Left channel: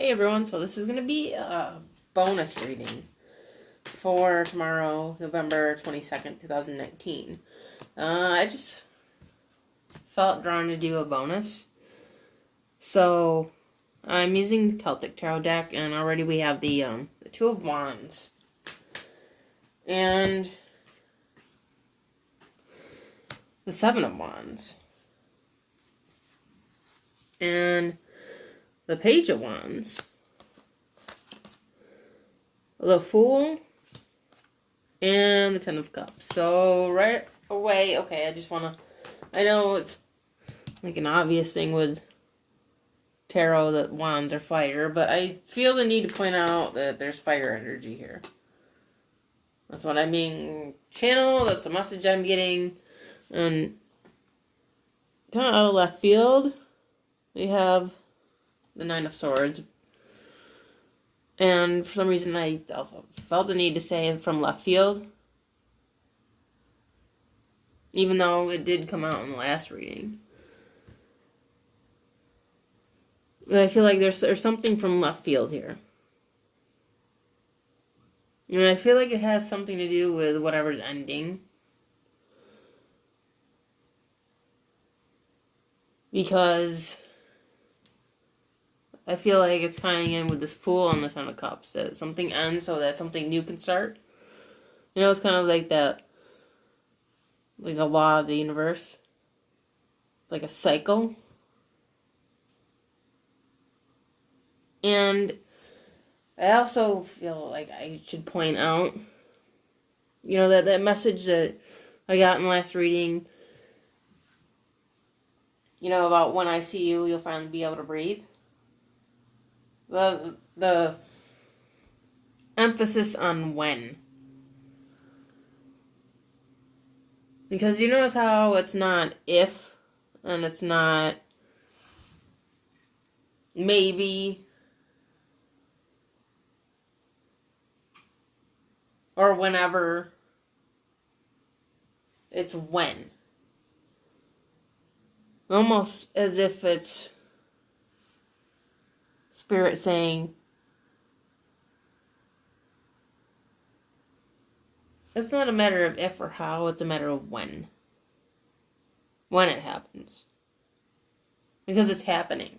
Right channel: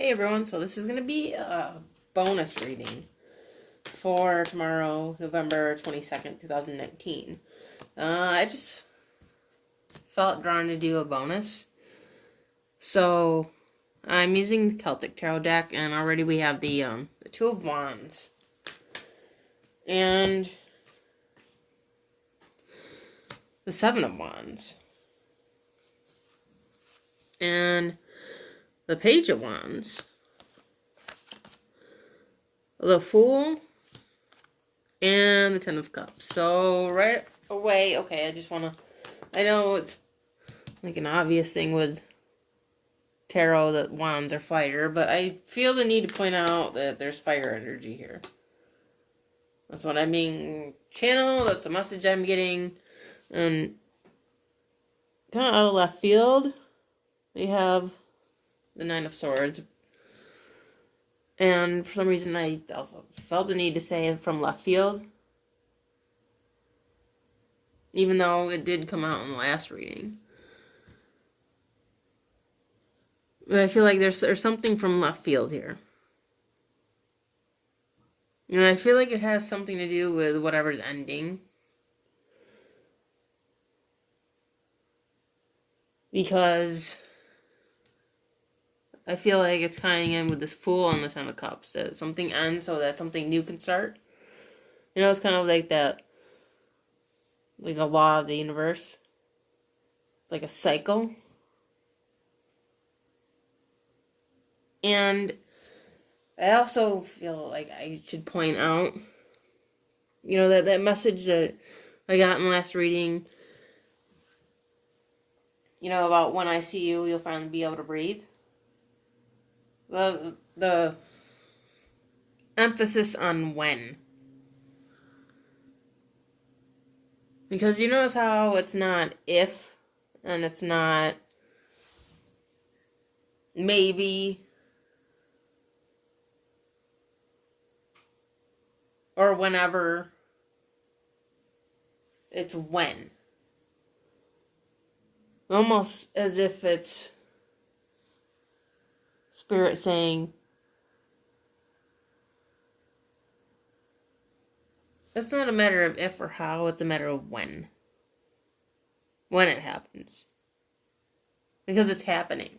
Hey everyone, so this is going to be a bonus reading for tomorrow, November 22nd, 2019. I just felt drawn to do a bonus. So I'm using the Celtic Tarot deck, and already we have the Two of Wands. And the Seven of Wands. And the Page of Wands. The Fool, and the Ten of Cups. So right away, okay, I know it's like an obvious thing with tarot that wands are fire, but I feel the need to point out that there's fire energy here. That's what I'm being channeled, that's the message I'm getting, and kind of out of left field, we have the Nine of Swords. And for some reason, I also felt the need to say it from left field. Even though it did come out in the last reading. But I feel like there's something from left field here. And I feel like it has something to do with whatever's ending. Because I feel like it's tying in with this Fool and the Ten of Cups. That something ends so that something new can start. You know, it's kind of like that. Like a law of the universe. It's like a cycle. And I also feel like I should point out, you know, that message that I got in the last reading, you know, about when I see you, you'll finally be able to breathe. The emphasis on when. Because you notice how it's not if, and it's not maybe, or whenever. It's when. Almost as if it's Spirit saying, it's not a matter of if or how, it's a matter of when. When it happens. Because it's happening.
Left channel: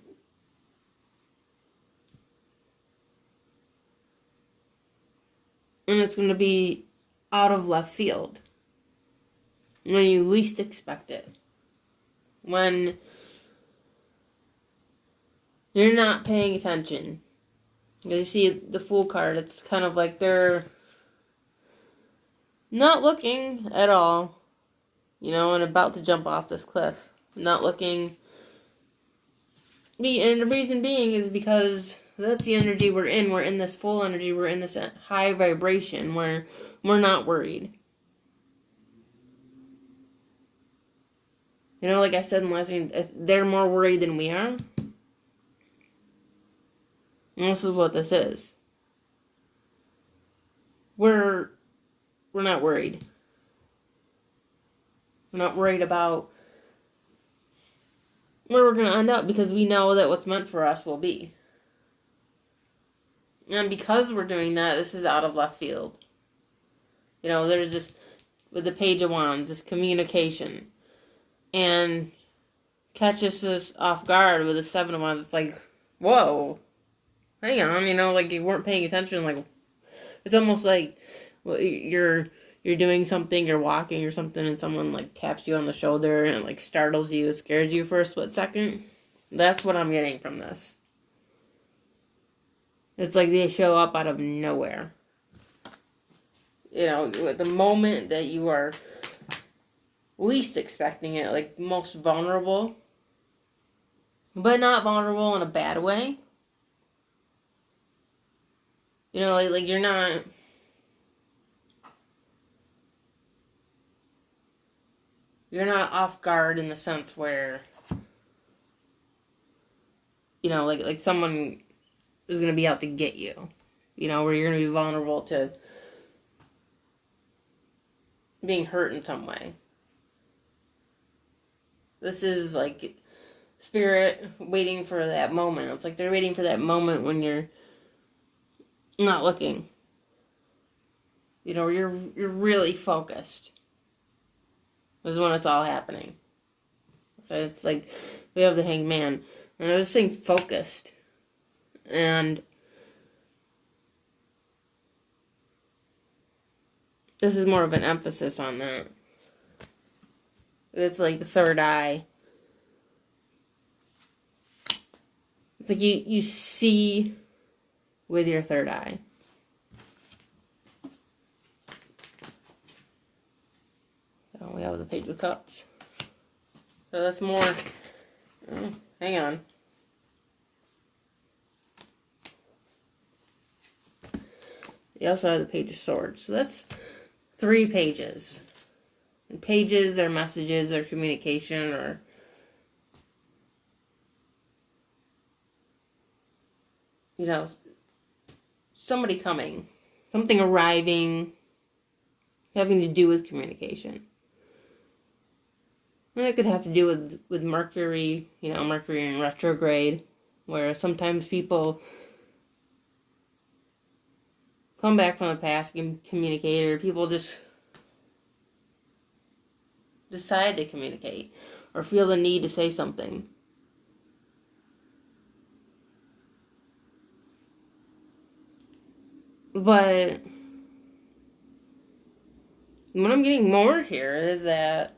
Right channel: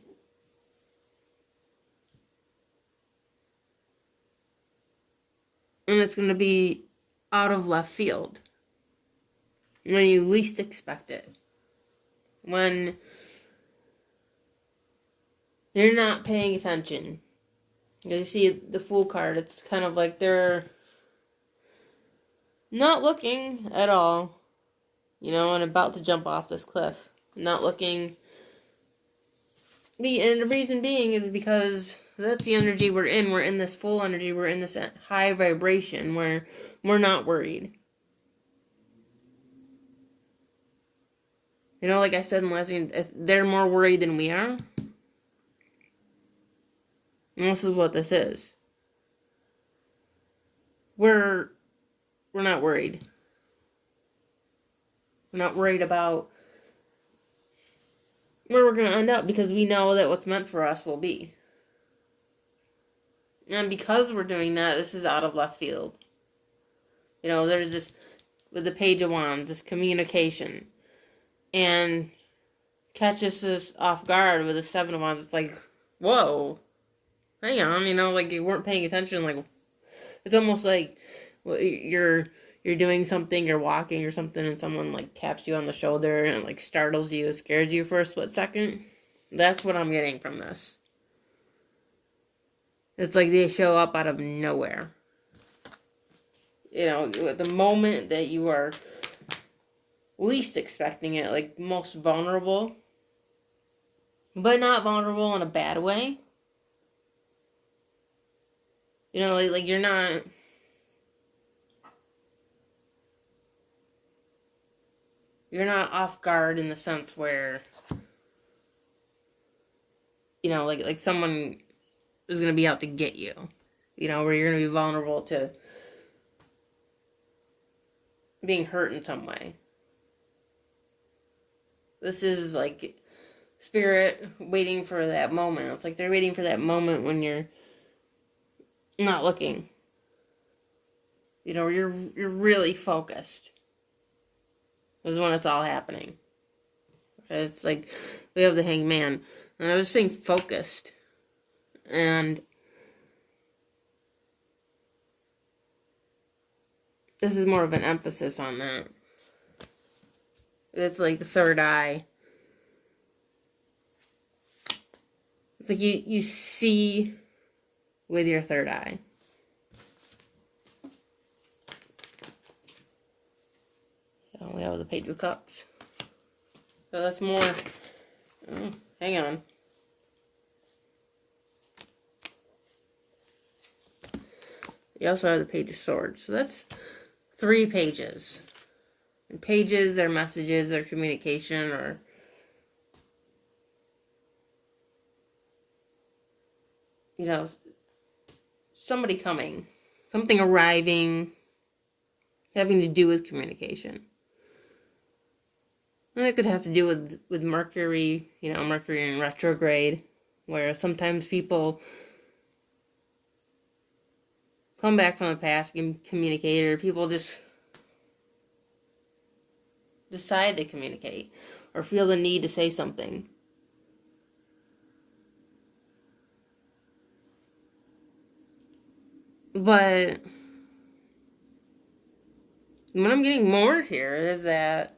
And it's going to be out of left field. When you least expect it. When you're not paying attention. You see the Fool card, it's kind of like they're not looking at all, you know, and about to jump off this cliff. Not looking. And the reason being is because that's the energy we're in. We're in this full energy. We're in this high vibration where we're not worried. You know, like I said in the last thing, they're more worried than we are. And this is what this is. We're not worried. We're not worried about where we're going to end up because we know that what's meant for us will be. And because we're doing that, this is out of left field. You know, there's this, with the Page of Wands, this communication. And catches us off guard with the Seven of Wands. It's like, whoa, hang on, you know, like you weren't paying attention. Like, it's almost like you're doing something, you're walking or something, and someone like taps you on the shoulder and like startles you, scares you for a split second. That's what I'm getting from this. It's like they show up out of nowhere. You know, at the moment that you are least expecting it, like most vulnerable, but not vulnerable in a bad way. You know, like you're not off guard in the sense where, you know, like someone is going to be out to get you. You know, where you're going to be vulnerable to being hurt in some way. This is like spirit waiting for that moment. It's like they're waiting for that moment when you're not looking. You know, you're really focused. Is when it's all happening. It's like we have the Hanged Man, and I was saying focused, and this is more of an emphasis on that. It's like the third eye. It's like you see with your third eye. So we have the Page of Cups. So that's more. Hang on. You also have the Page of Swords. So that's 3 pages. And pages are messages or communication or you know, somebody coming, something arriving, having to do with communication. And it could have to do with Mercury, you know, Mercury in retrograde, where sometimes people come back from the past and communicate, or people just decide to communicate or feel the need to say something. But what I'm getting more here is that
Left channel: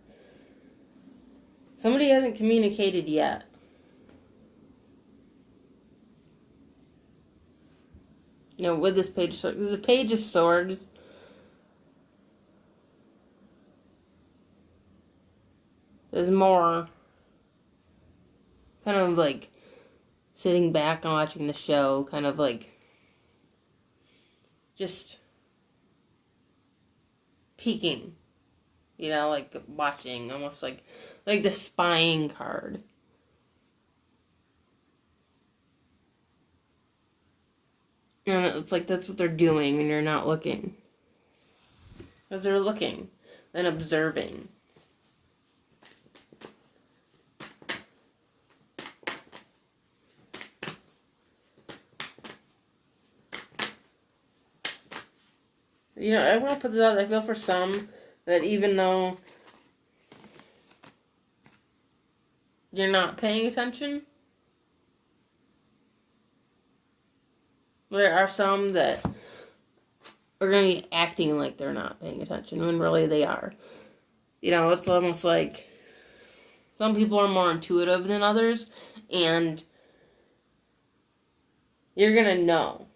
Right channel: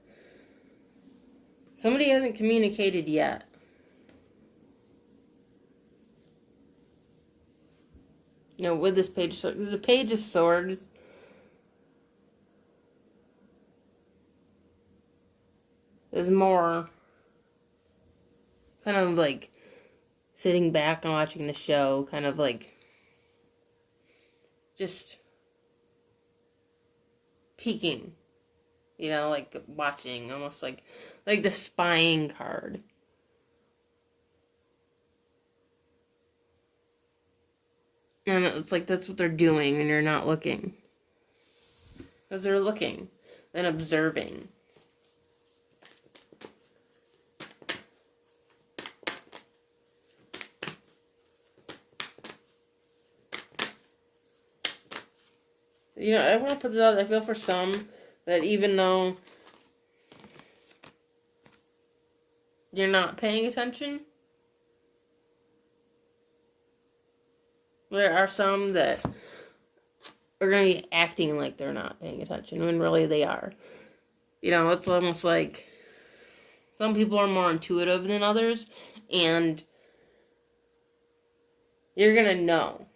somebody hasn't communicated yet. You know, with this Page of Swords, there's a Page of Swords. There's more kind of like sitting back and watching the show, kind of like just peeking, you know, like watching, almost like the spying card. And it's like that's what they're doing when you're not looking. Because they're looking, then observing. You know, I want to put this out. I feel for some that even though you're not paying attention, there are some that are going to be acting like they're not paying attention when really they are. You know, it's almost like some people are more intuitive than others, and you're going to know.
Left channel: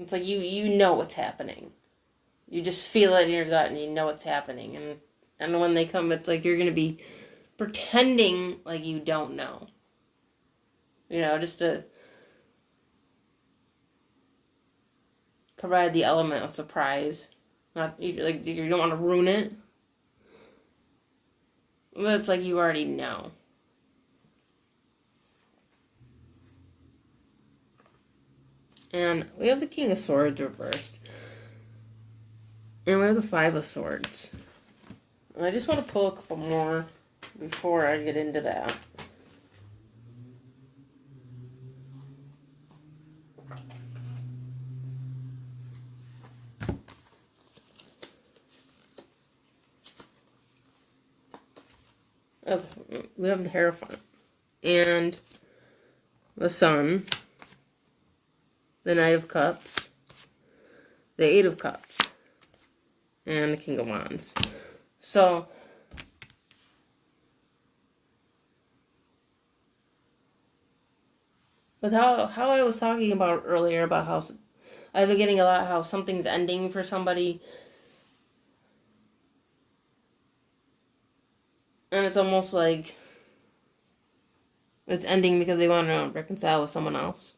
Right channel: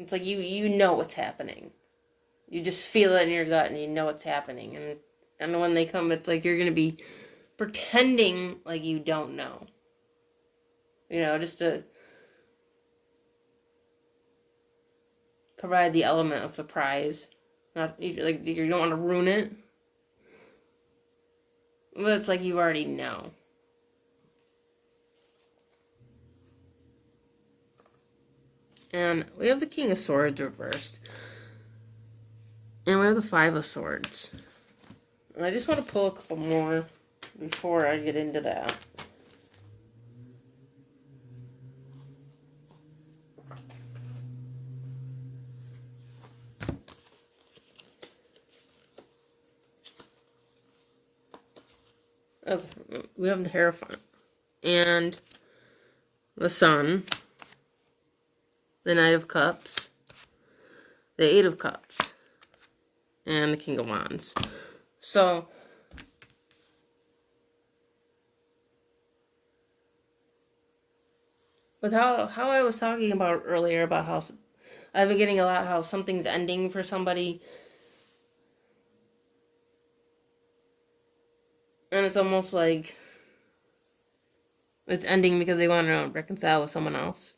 It's like you know what's happening. You just feel it in your gut and you know what's happening. And when they come, it's like you're going to be pretending like you don't know. You know, just to provide the element of surprise. Not like you don't want to ruin it. But it's like you already know. And we have the King of Swords reversed. And we have the Five of Swords. And I just want to pull a couple more before I get into that. Okay, we have the Hierophant. And the Sun. The Knight of Cups. The Eight of Cups. And the King of Wands. So, with how I was talking about earlier about how I've been getting a lot how something's ending for somebody, and it's almost like it's ending because they want to reconcile with someone else.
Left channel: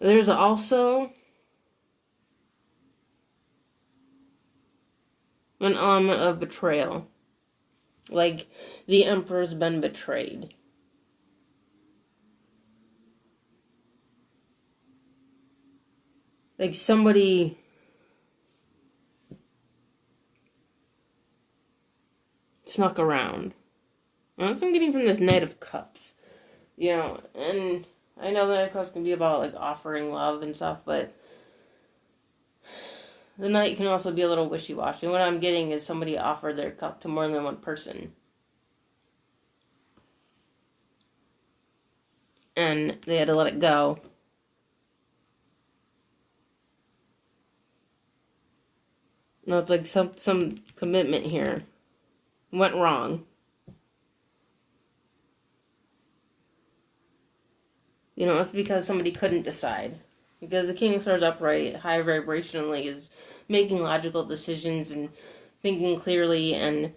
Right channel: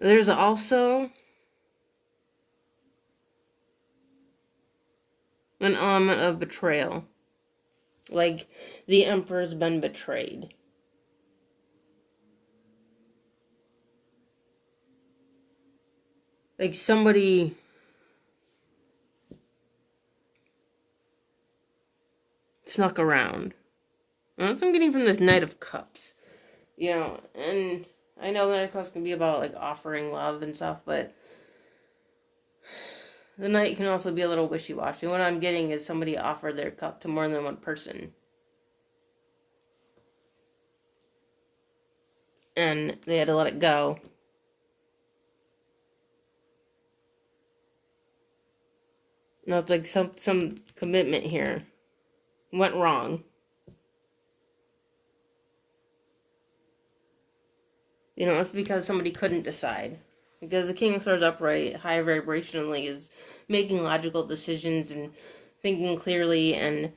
There's also an element of betrayal. Like, the Emperor's been betrayed. Like, somebody snuck around And that's what I'm getting from this Knight of Cups. You know, and I know the Knight of Cups can be about, like, offering love and stuff, but the Knight can also be a little wishy-washy. What I'm getting is somebody offered their cup to more than one person. And they had to let it go. No, it's like some commitment here went wrong. You know, it's because somebody couldn't decide. Because the King of Swords upright, high vibrationally, is making logical decisions and thinking clearly and,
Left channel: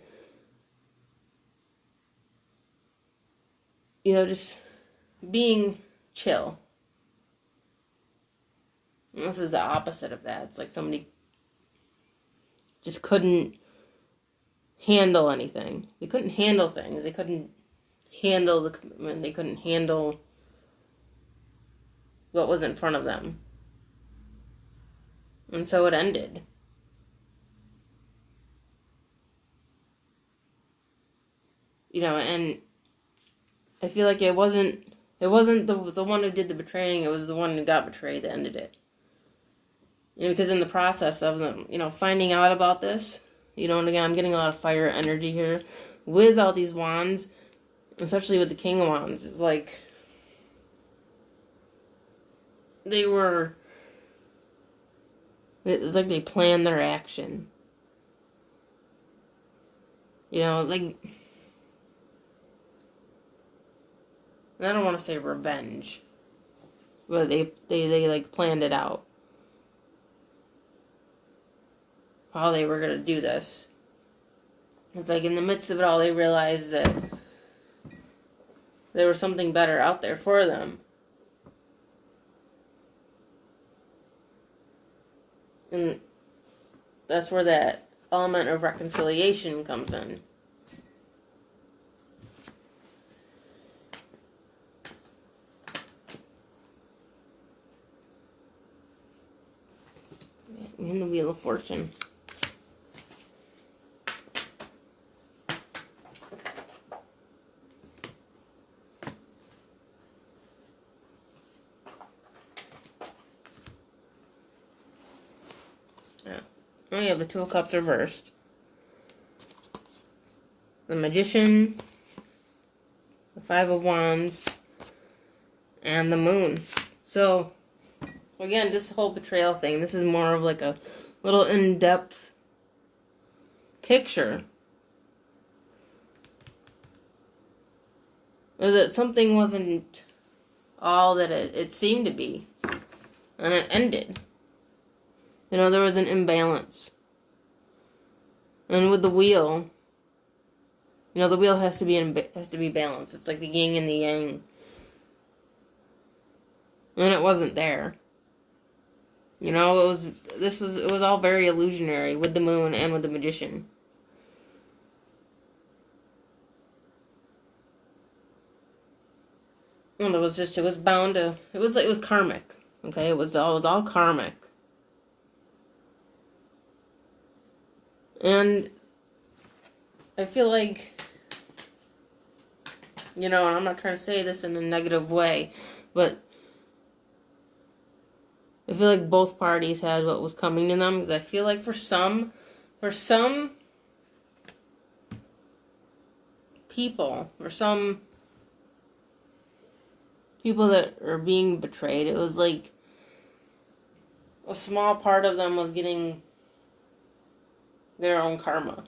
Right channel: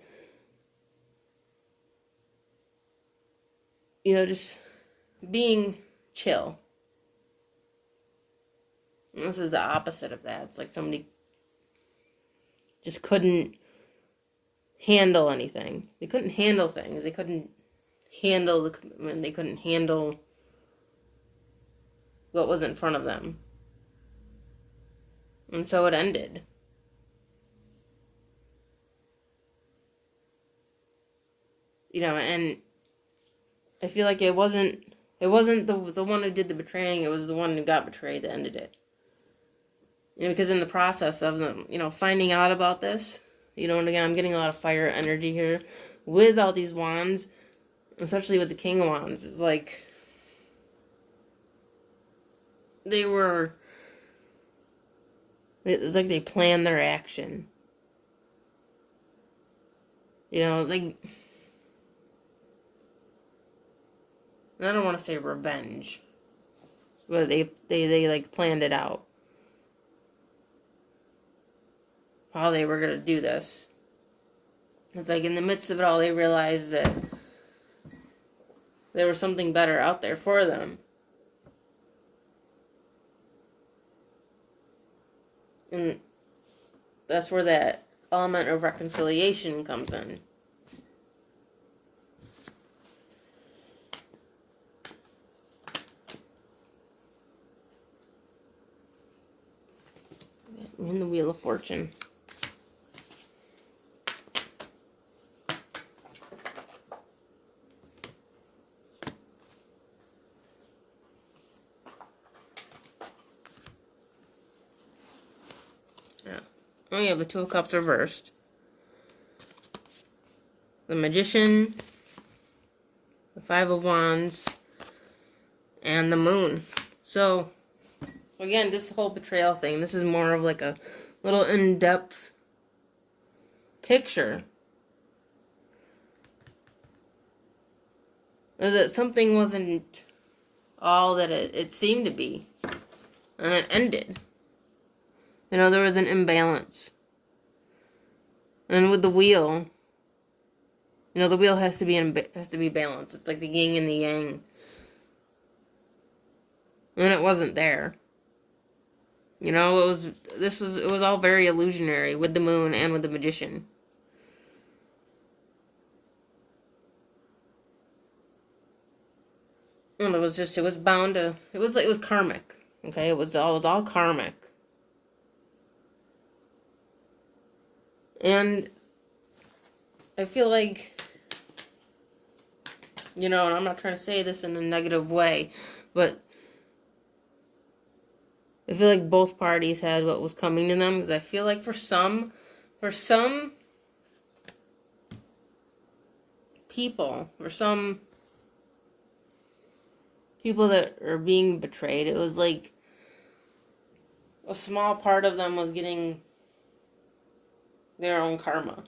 you know, just being chill. And this is the opposite of that. It's like somebody just couldn't handle anything. They couldn't handle things. They couldn't handle the commitment. They couldn't handle what was in front of them. And so it ended. You know, and I feel like it wasn't the one who did the betraying, it was the one who got betrayed that ended it. You know, because in the process of them, you know, finding out about this, you know, and again, I'm getting a lot of fire energy here with all these wands, especially with the King of Wands. It's like it's like they planned their action. You know, like, I don't want to say revenge, but they like planned it out. How they were gonna do this. It's like in the midst of it all, they realized that there was something better out there for them. And that's where that element of reconciliation comes in. In the Wheel of Fortune. Yeah. We have the Two of Cups reversed. The Magician, the Five of Wands, and the Moon. So, again, this whole betrayal thing, this is more of like a little in-depth picture. Is that something wasn't all that it seemed to be. And it ended. You know, there was an imbalance. And with the wheel, you know, the wheel has to be balanced. It's like the yin and the yang. And it wasn't there. You know, it was all very illusionary with the Moon and with the Magician. And it was karmic. Okay, it was all karmic. And I feel like, you know, I'm not trying to say this in a negative way, but I feel like both parties had what was coming to them, because I feel like for some people, for some people that are being betrayed, it was like a small part of them was getting their own karma.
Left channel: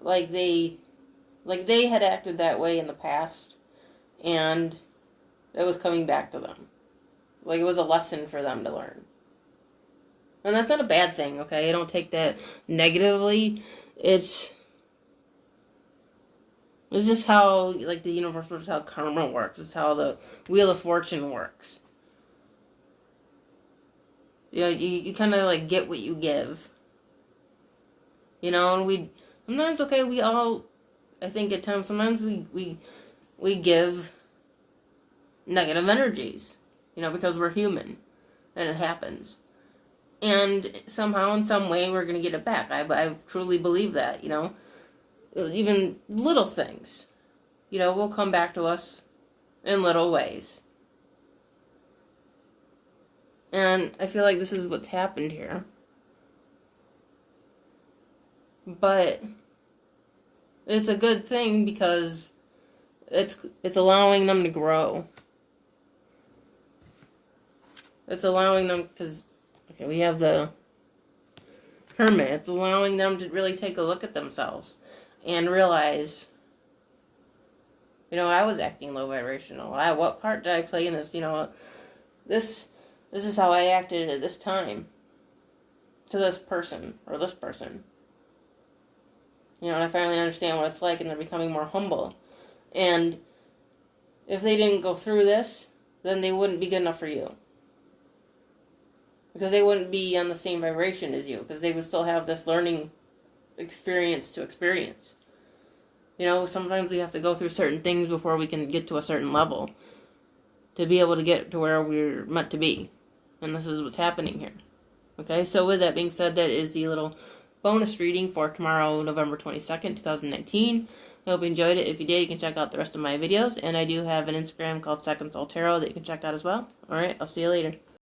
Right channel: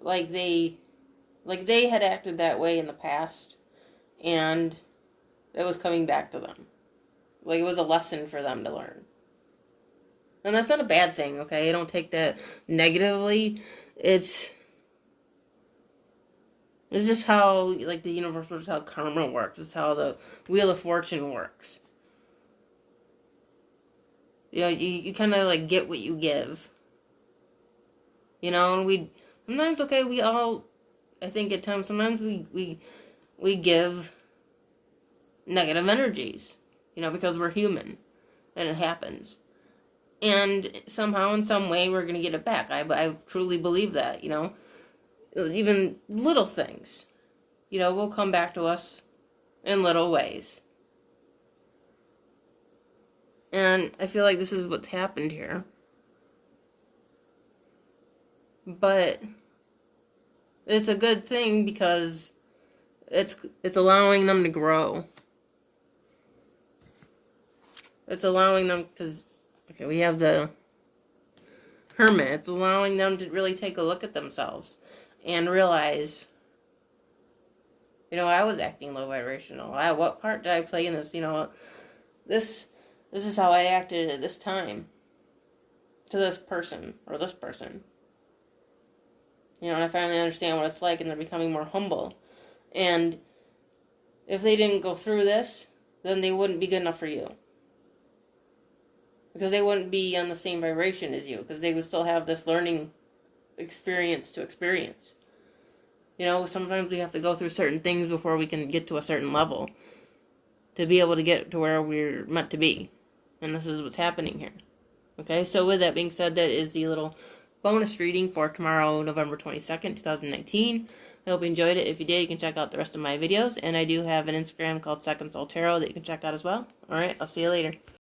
Like they had acted that way in the past, and it was coming back to them. Like it was a lesson for them to learn. And that's not a bad thing, okay? I don't take that negatively. It's just how, like, the universe works, how karma works. It's how the Wheel of Fortune works. You know, you kind of, like, get what you give. You know, and sometimes, okay, we all, I think at times, sometimes we give negative energies. You know, because we're human. And it happens. And somehow, in some way, we're going to get it back. I truly believe that, you know. Even little things, you know, will come back to us in little ways. And I feel like this is what's happened here. But it's a good thing because it's allowing them to grow. It's allowing them, because, okay, we have the Hermit. It's allowing them to really take a look at themselves and realize, you know, I was acting low vibrational. What part did I play in this? You know, this is how I acted at this time to this person or this person. You know, and I finally understand what it's like, and they're becoming more humble. And if they didn't go through this, then they wouldn't be good enough for you. Because they wouldn't be on the same vibration as you, because they would still have this learning experience to experience. You know, sometimes we have to go through certain things before we can get to a certain level to be able to get to where we're meant to be. And this is what's happening here. Okay, so with that being said, that is the little bonus reading for tomorrow, November 22nd, 2019. I hope you enjoyed it. If you did, you can check out the rest of my videos. And I do have an Instagram called Second Soul Tarot that you can check out as well. Alright, I'll see you later.